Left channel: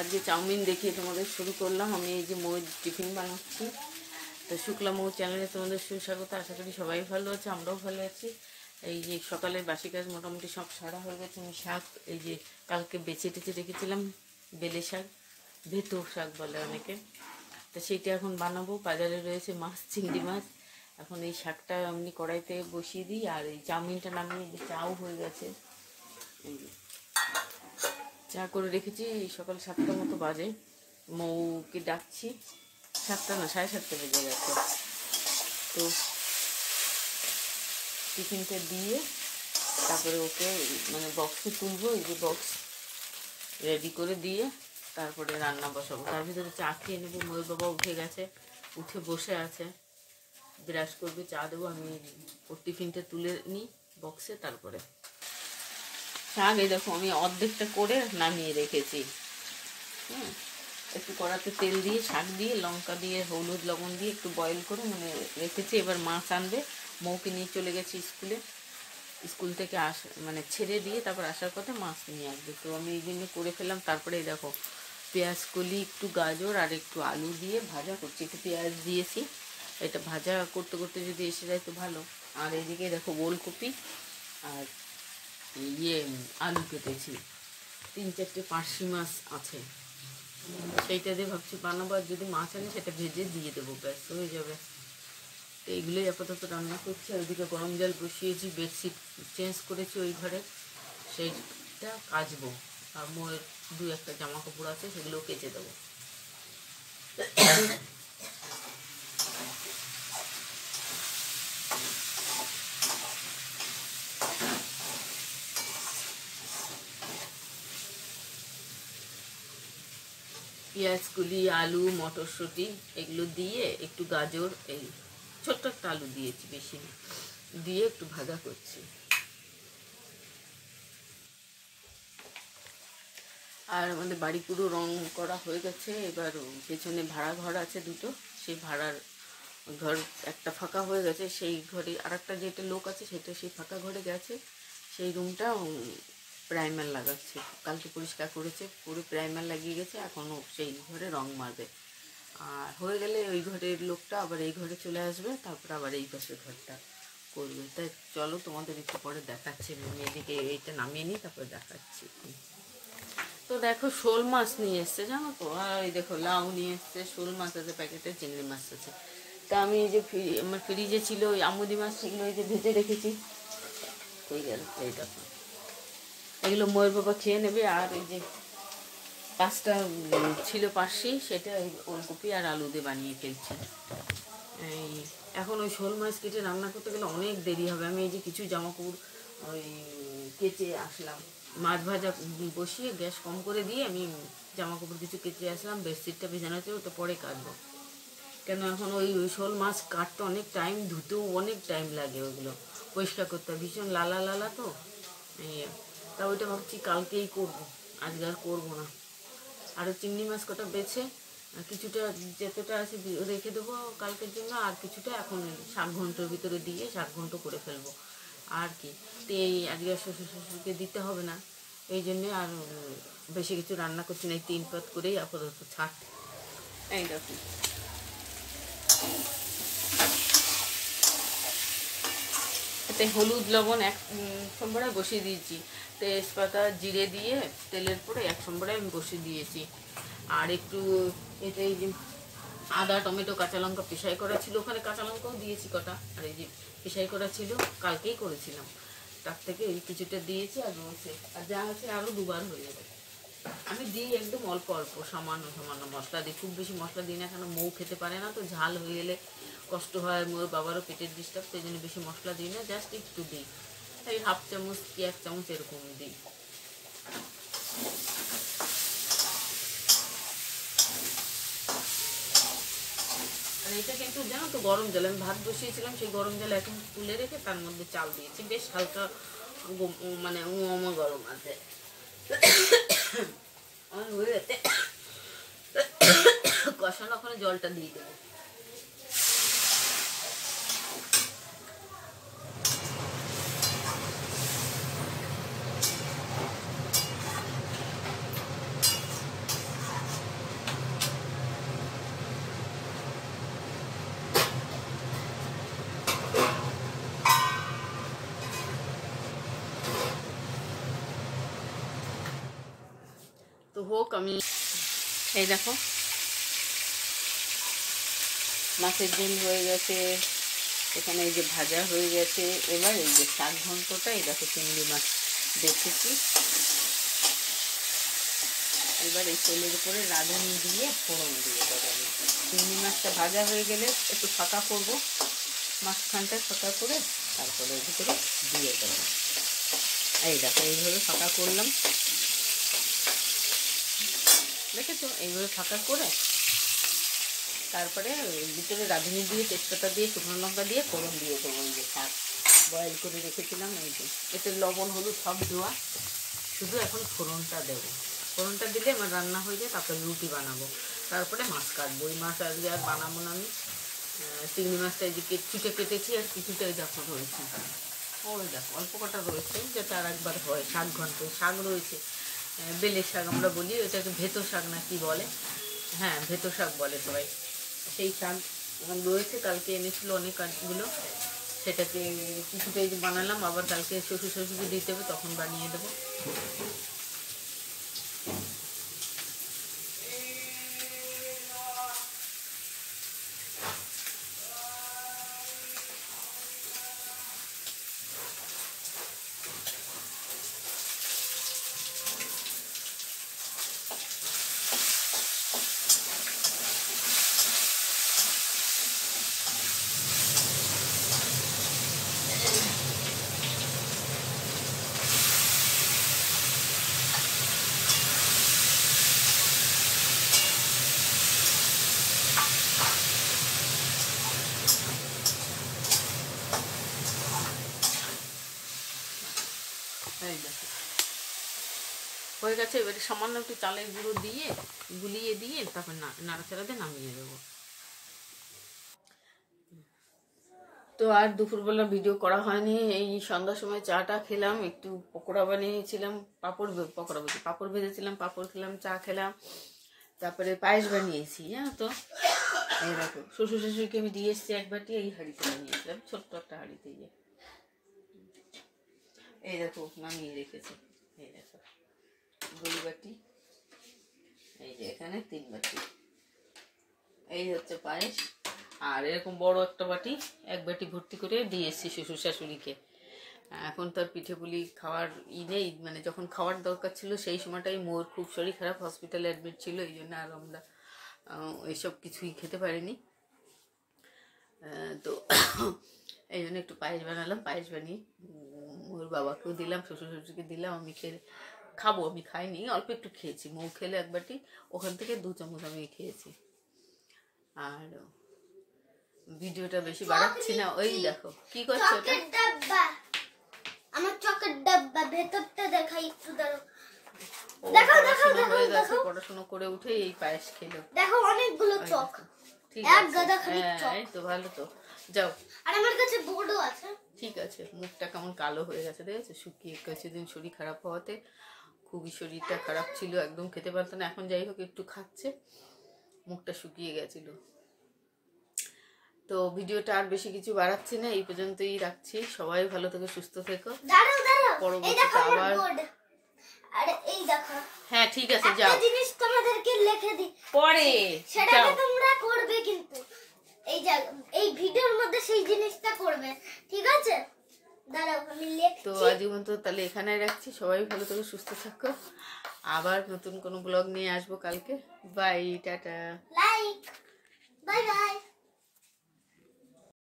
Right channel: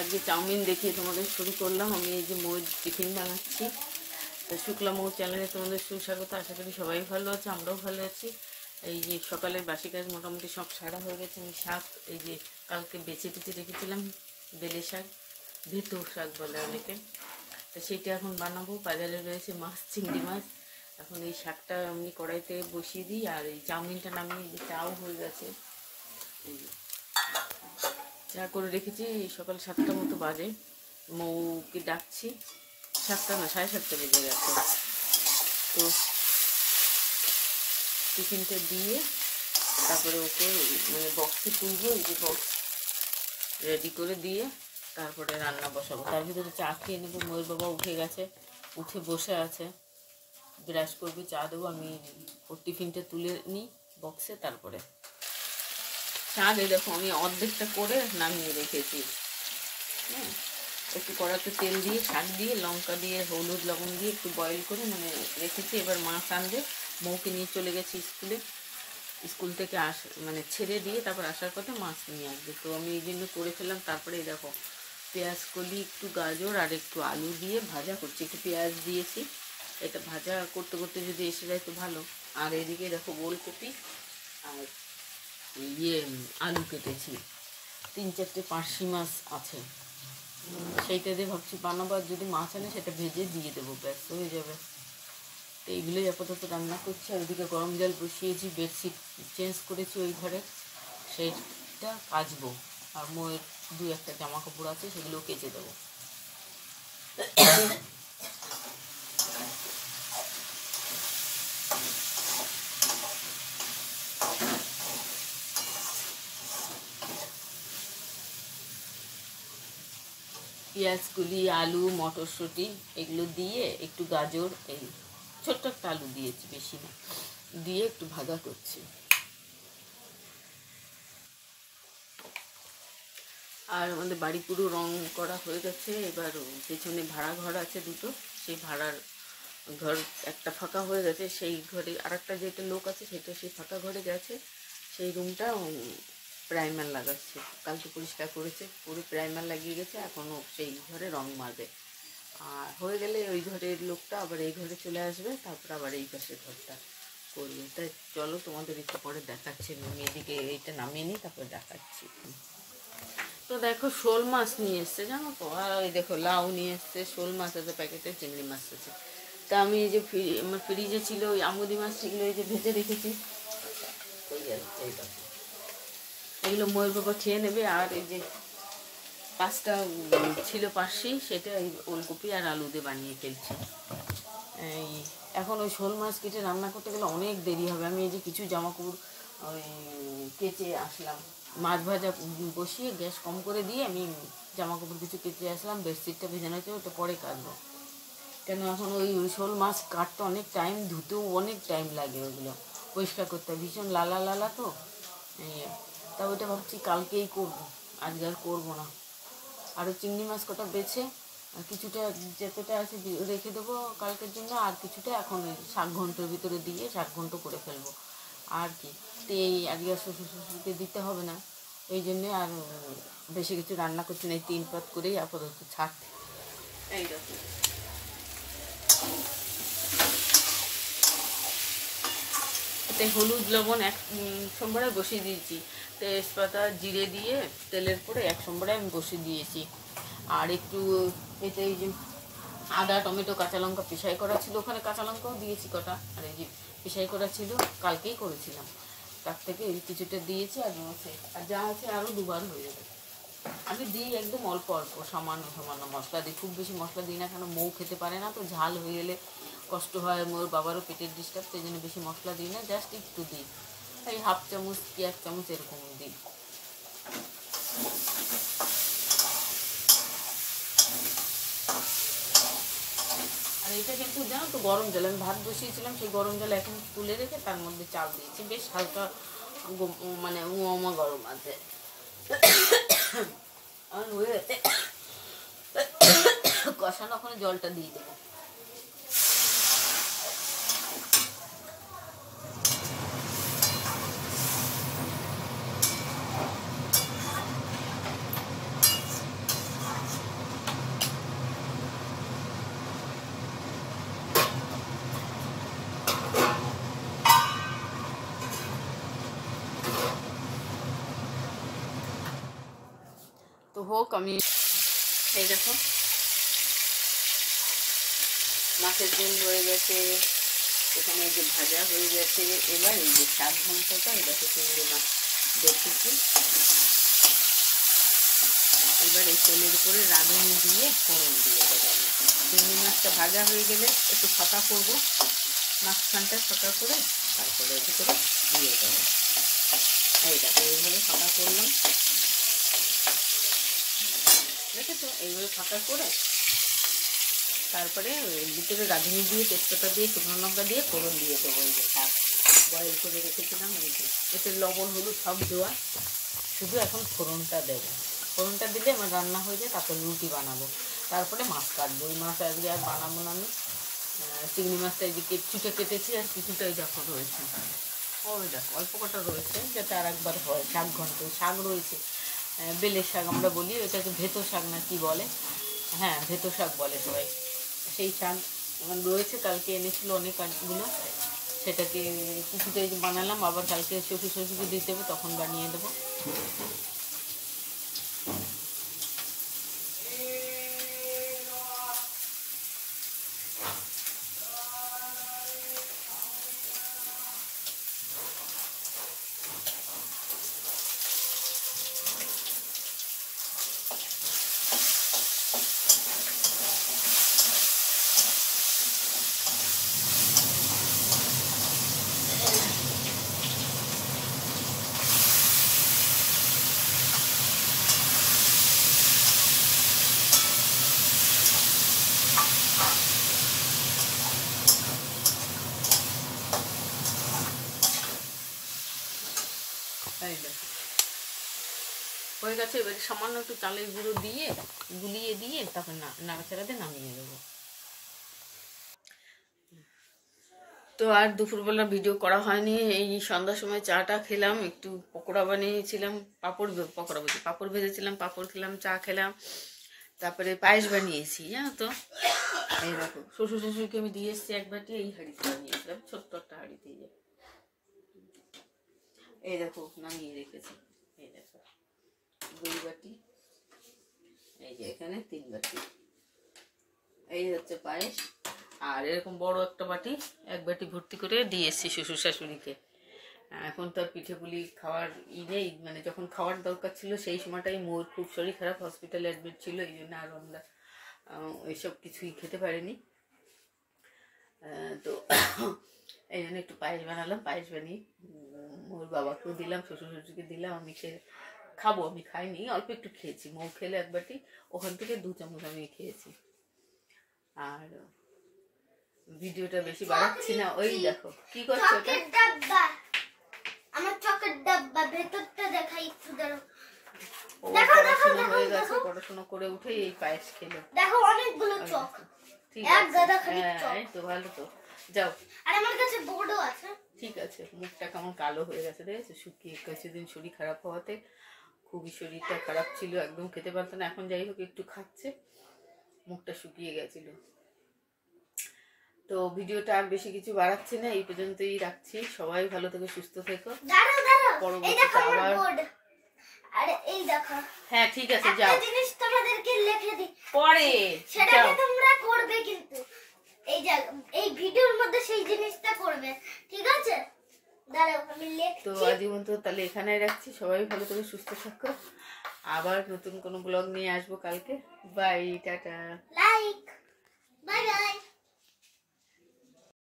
আজকে চাউমিন দেখিয়ে তোমাদের শুরু করলাম। আমি এই যে মৌর টিফিন বানাচ্ছি। তো শুক্লা মৌ চ্যানেলে তোমাদের সুস্বাগত। আশা করি সবাই ভালো আছে, আমরাও ভালো আছি। এই যে সকালের বাসি কাজ মোটামুটি সব সারা হয়ে গেছে। আমি শাক এই যে কালকে বেছে টেছে রেখেছিলাম, বেলে শাক, ভেতো শাক বলে অনেকে। তো সেইটা এখন বানাবো। বাজারে রয়েছে মাছ, চিংড়ি মাছ। এখন এই শাকটা এমনি কড়াইতে বসিয়ে দিই, আর এই চাউমিনটা নামিয়ে চাও হয়ে গেছে। এই চা করে রেখেছি। সকাল 7টার মতো বাজে, মৌকে ডাকছি। 7টা না, 7:30 বেজে গেছে। তো টিফিনটা দিয়ে তারপরে ওকে মানে বক্সে তুলবো। এই যে বক্স রেডি করে দিয়ে তারপরে রান্না বসাবো। তার ভিতরে চা খেয়ে নেবো। ময়ূর বাবা উঠে গেছে, উঠে বসে আছে, ব্রাশ করবে, চা দেবো। আমি ওর টিফিনটা তুলে নিই বক্সে। তারপরে শাক এই দেখো আমি অর্ধেকটা করে নামিয়ে রেখেছি। হ্যাঁ, একটু কড়াতে তেল দিয়ে শাক দিয়ে লঙ্কা দিয়ে হলুদ লবণ দিয়ে একটু বয়েল করে মানে রেখেছি। এবার মাছ আনবে। মৌকে নিয়ে চলে গেছি স্কুলে। স্কুল থেকে মানে ছেড়ে দিয়ে তারপর আসার পথে মাছ নিয়ে আসবে। তো আমি এই জন্য করে ফেললাম। তারপরে এই দেখো পেঁয়াজ কলি, একটু গাজর আর একটু আলু দিয়ে ভাজা করছি। একটু পেঁয়াজ দিয়েছি। এটা ভাজা করতে করতে যদি এসে যায় তো ভালো। আর এদিকে দেখো ওলকপি আর আলু কেটেছি। 3-4টে পার্শি মাছ আছে, সেইটা দিয়ে ভাবছি বানাবো। আর যদি মাছ আনে সেটা ভেজে দিয়ে দেবো, ব্যাস হয়ে যাবে। তো এইগুলোই আপাতত রান্না করছি। আর ওইদিকে গরম জল বসিয়েছি, বেডশিট চেঞ্জ করেছি ওই ঘরে, সেইটা কাচবো। আর মোয়ের 2-1টা জামা কাপড় আছে, সেগুলোও কেচে দেবো। পেঁয়াজগুলি, আলু, মটরশুঁটি এগুলো দিয়ে একটু গাজর, এই ছোট্ট একটা আলু দিয়েছি, বেশি না, দিয়ে একটু ভাজা করছি। আর আমাদের বাড়ি পুরো রং করা হয়ে গেছে। এবার পেছনে ভাড়া ঘর আছে দুটো, সেই ভাড়ার ঘর একটা ফাঁকা হয়ে গেছে। সেই ঘরে আরেকটা যেটা লোক আছে সেটা সেই ফাঁকা ঘরে গেছে। সেই রুমটা প্রাইমার লাগাচ্ছে। কালকে পরিষ্কার করেছে, পুরো প্রাইমার লাগিয়ে গেছে। এখনও সেই ঘরে রং মারবে। আর হয়ে গেলে ওই ঘরের লোকটা আবার এই ঘরে চলে আসবে, তারপর আবার এই পাশের ঘরটা করবে। তাই চলো তোমাদের একটু পরে দেখাচ্ছি। মেয়েদিকে এইটা নামিয়ে নিই, তারপরে দেখাচ্ছি। তো দেখো শোল মাছ নিয়ে এসছে, জানো তো। আর ওই দেখো লাউ নিয়ে এসছে, শোল মাছ আছে প্যাকেটে, চিংড়ি মাছ আছে। তা আমি এই যে আমার ফ্রিজে ছিল ওই আমুদি মাছ, সেগুলো এই যে ভেজে রেখেছি। ঠিক আছে, এই দেখো এগুলো ময়ূর বাবা খেয়ে নেবে। আর এই যে পাঁচটা ছিল পার্শি, সেটা এই ওলকপি আর আলু দিয়ে বানিয়ে ফেলছি। এই এখন ওই শোল মাছ কেটে রান্না করতে গেলে অনেক দেরি হবে। আমি এই যে কিছু জামাকাপড় ওই কেচে আসলাম, মাছ ভাজা বসিয়ে গ্যাস কম করে দিয়ে আমি জামাকাপড় কিছু কেচে আসলাম। বেডশিটটা ভেজানো হচ্ছে, ওটা পরে কাটবো। কেন এখন ওই শোল মাছ কাটতে অনেক টাইম, ধুতেও অনেক টাইম লাগে। ওগুলো পরিষ্কার করতে ভীষণ লালা লালা তো। তা ওইটা ভাবছি কালকেই করবো, আজকে আর করবো না। আরও চিংড়ি মাছ কটা বেছে কিছুটা যতটা আছে রেখে দেবো কালকের জন্য। আর কিছুটা এখন শাক ঘন্টর ভিতরে দিয়ে শাক ঘন্ট করে ফেলবো। আর কি, তো এই আজকে শ্বশুরকে দিতে হবে না, এই জন্যে আর বেশি কিছু রান্না করছি না। এই 3 পাত করেই আপাতত ছাড়তে। এই দেখো এতে হলুদ লবণ এক সম্বরায় বসিয়ে দিয়েছি। তেজপাতা জিরে দিয়ে তেলের পরে 1 সম্বরায় আমি বসিয়ে দিয়েছি। আর একটু এতে এই যে আদা, টমেটো, কাঁচা লঙ্কা পেশাই করা ছিল, ওখানে কাঁচা লঙ্কাও দিয়েছি কটা। আর এই যে পেশাই করা ছিল, কালকেই করেছিলাম, তার থেকে এই কিছুটা দিয়েছি। আর আর যা আছে আরও 2বার হয়ে যাবে। আমি দিই একদম অল্প অল্প, সামান্য সামান্য মশলা দিই, খুব বেশি মশলা দিই না। কেন মৌ খেতে পারে না তো, ঝাল হয়ে গেলে কষ্ট হয়। মোর বাবারও পেটের ডিস্টার্ব, সেই জন্য বেশি মশলা দিই না, জাস্ট একটু দিই। এই 1/2 চামচ কি 1 চামচ এরকম দিই। আর এটা কিন্তু জানো তো গরম জল, আমি ভাত বসিয়েছিলাম, সেই গরম জল এখন তুলে রেখে তার মধ্যে চাল দিয়েছি। বেশ হালকা মানে গরম আছে। আর হয়ে গেছে কষানো, ওখানে জলটা দিয়ে দেবো। হোক। আমি এই দেখো মাছের ঝোল হয়ে গেছে, এখানে এই যে ভাজা হয়ে গেছে। এবার এই যে শাক ঘন্টটা, এই দেখো চিংড়ি মাছ দেখেছি। এবার এই তেলের উপরে রাঁধুনি দিয়ে ফোড়ন দিয়ে দেবো আমি। চিংড়ি মাছটা ভাজা হয়ে গেলে একটু ফাঁকা করবো, মাঝখানটা ফাঁকা করে তারপরে এর ভিতরে দিয়ে দেবো। এই দেখো এইভাবে ফাঁকা করলাম, দেখেছো? এইভাবে ফাঁকা করে তারপরে ভিতরে রাঁধুনি দিয়ে তেজপাতা দিয়ে শুকনো লঙ্কা দিয়ে ফোড়ন দিয়ে দেবো। এই যে শাক বয়েল করে রেখেছিলাম, এই যে এতে লবণ হলুদ সব দেওয়া, শুধু এখন ফোড়নটা দেবো। ফোড়নটা দিলে আমার রান্না হয়ে যায়, তারপরে রুটি বানাবো, তারপরে মাছ কাটবো। ওই মাছ আজকে আর বানাবো না আমি। চিংড়ি মাছটা এদিকে ছুটে কেটেছি, আর কিছুটাই দেখো রয়েছে, ওই দেখো অল্প কটা রয়েছে, যাতে আর একবার হয়। শাক ঘন্ট শাক রয়েছে, বেলের শাক আমরা বলি, ওটাকে ভেতো শাক না কি বলে, হ্যাঁ ভেতো শাক বলে সবাই। সেই শাক রয়েছে, কালকে এনেছিল অনেকগুলো, সেটাকে কিছুটাই বানালাম। আবার কালকে শ্বশুর শাশুড়িকে দিতে হবে, তখন বানিয়ে দেবো। এই দেখো হয়ে গেছে। এবারে সামান্য একটু চালের গুঁড়ো দিয়ে গুলিয়ে দিয়ে তারপর নাড়াচাড়া দিয়ে নামিয়ে দেবো। তো আর দুপুরবেলা ভিডিও করা হয়নি। এই সন্ধ্যার সময় চাটা খেলাম, একটু পকোড়া বানিয়েছিলাম, পাঁপড় ভেজেছিলাম, পাঁপড় খেলাম, চা খেলাম, তারপরে পায়েস বানিয়েছি, জানো তো। এই দেখো শ্বশুর শাশুড়িকে আমি দিয়ে এসেছি এক বাটি, এই হাঁড়িতে বানিয়েছিলাম, ছোট্ট একটা হাঁড়িতে। এই দেখো নামিয়ে রেখেছি, এই দেখো 2 বাটি, এই যে এখানে 3 বাটি। এই হচ্ছে পায়েস। আর এরকম বড় একটা বাটি, 1 বাটি ভর্তি করে দিয়ে এসেছি শ্বশুর শাশুড়িকে। এখন তো আর পিঠে পুলি খাওয়ার নেই, মানে যখন খাওয়ার দরকার ছিল সেই সময়টাই মোর খুব শরীর খারাপ, হসপিটালে অ্যাডমিট ছিল, এই জন্য আর আমরা এইসব কিছুই খেতে পারিনি। তো এই জন্য একটু পায়েস বানালাম, পায়েস বানিয়ে মোর বাবাকেও দিলাম, শ্বশুর শাশুড়িকে দিলাম। আমি খাবো, আমি খাইনি, অল্প একটু খেয়েছি। মৌ খেলে 1 বাটি, ওখান থেকে 2 চামচ আমি খেয়েছি। আর ভিডিওটা বেশি বাড়াচ্ছি না। ওই দেখো কি করছো, ওটা আমার চকের ডাব্বা, ভেতরটা দেখাই একটু, দাঁড়াও। পড়াশোনা হয়ে গেছে, পড়াশোনা করে উঠে এই পায়েস খেলো। দেখো অনেকগুলো চক, ঠিক আছে, হ্যাঁ এই তো ভালো। তো যাও, আর আমার কাছে বোর্ডও আছে। ঠিক আছে। মুখটা কেমন কালো হয়ে গেছে দেখেছো, শুকিয়ে কিছুদিন শরীর খারাপ হওয়াতে খুবই শরীরটা খারাপ ছিল, একদম খেতে পারতো না। এখন যাই হোক একটু খাচ্ছে, মুখটা শুকিয়ে গেছিল। তো ভিডিওটা আর বেশি কিছু বাড়াচ্ছি না, এই পর্যন্তই রাখছি। সবাই ভালো থেকো, সুস্থ থেকো। পরবর্তীতে আবার, আরে এই দেখো, হ্যাঁ ঠিক আছে যাও, একটা জিনিস তোমাদেরকে লিখে দিই পরে সেটাকে তোমরা করবে, কিন্তু এই ভিডিওর মধ্যে সেই জিনিসটা করবে, ঠিক আছে? দাঁড়াও আমি লিখছি। তো আজীবন তো তাহলে এখানে রাখছি। সবাই ভালো থেকো, সুস্থ থাকো। আবার নতুন কোনো ব্লগ নিয়ে আসবো কালকে। Bye, ta-ta, like, bye by.